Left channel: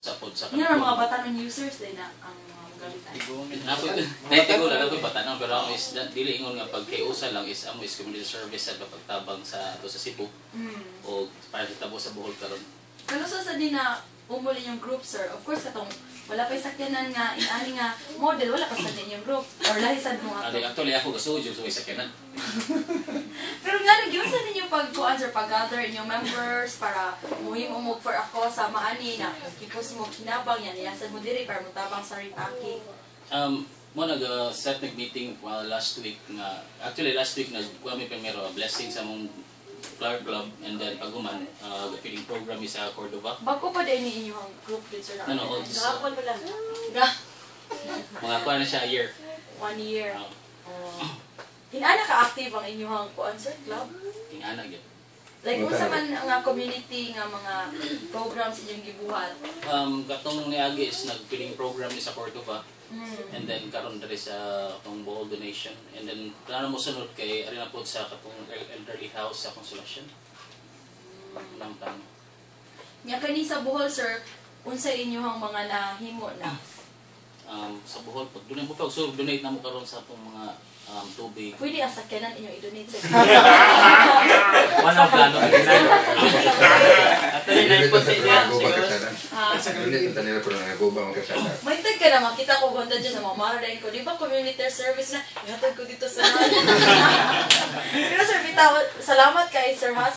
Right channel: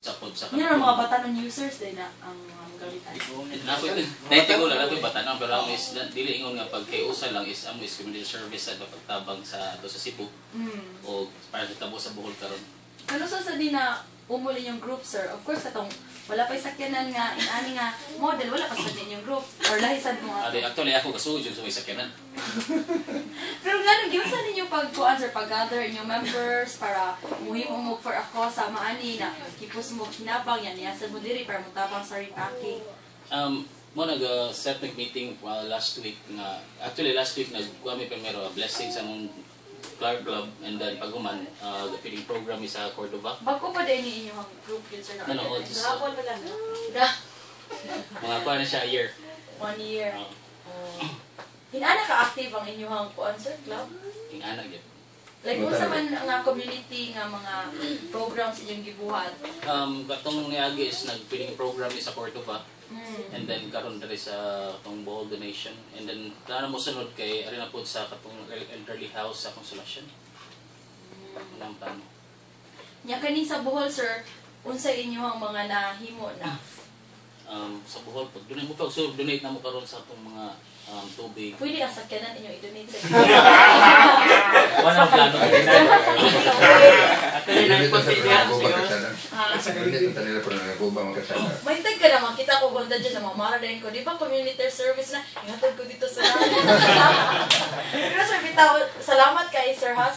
Sapod sa Yun ang mga batanon users din na ang mga gamitan. Naitigulan ako yung batanon, pero ako is dili ingon nga pag kay usa lang is amo is community service sa pagtabang sa do sa Cebu o para sa tabo sa Bohol karon. Pero sa din na umuli yung group, sir, of course katong wala pa sakyanan nga inani nga model, wala pa sa din yung group or lahisan mo nga. Ade actually ako kasudyo sa may sakyanan. Pero nga giunsa ninyo pagkuan sir, pag-gather inyong members para muhimo mo for ako sa maani na kipos mo kinabang yan yasan mo diri para mutabang sa repacking. Mo nag-set meeting last week nga actually last week nagkuha mi primero blessing sa mong Clark Club and then paguman the feeding program is sa Cordova. Bago pa din inyong group yun sir na? Ano, gahapon pa lang. Mga kuha na siya a year. 1 year. Hinana ka-active ang inyong kuan sir club? Ingana gyud. Like kung sa man nga community nga mga programs inyong gibuhat. Katong niagi is nag-feeding program ni sa Cordova. And then karon diri sa katong Bohol donation and then plano mo sunod kay ari na pud sa katong elderly house sa Consolacion. Ang plano. Nya kani sa Bohol sir, unsay inyong mga nahimo na? Sa Bohol pag dunay mo pag so donate na mo karon sa atong mga tubig. Pwede ang sakyanan inyong i-donate sa Ano ang plano mo? At rin po sa ideya. May tag ka naman, kita ko ganda dyan na mamarahin ko. Di ba community service na, ihatag ko dito sa namin. Pero sir, bitaw, salamat kay Sir Has.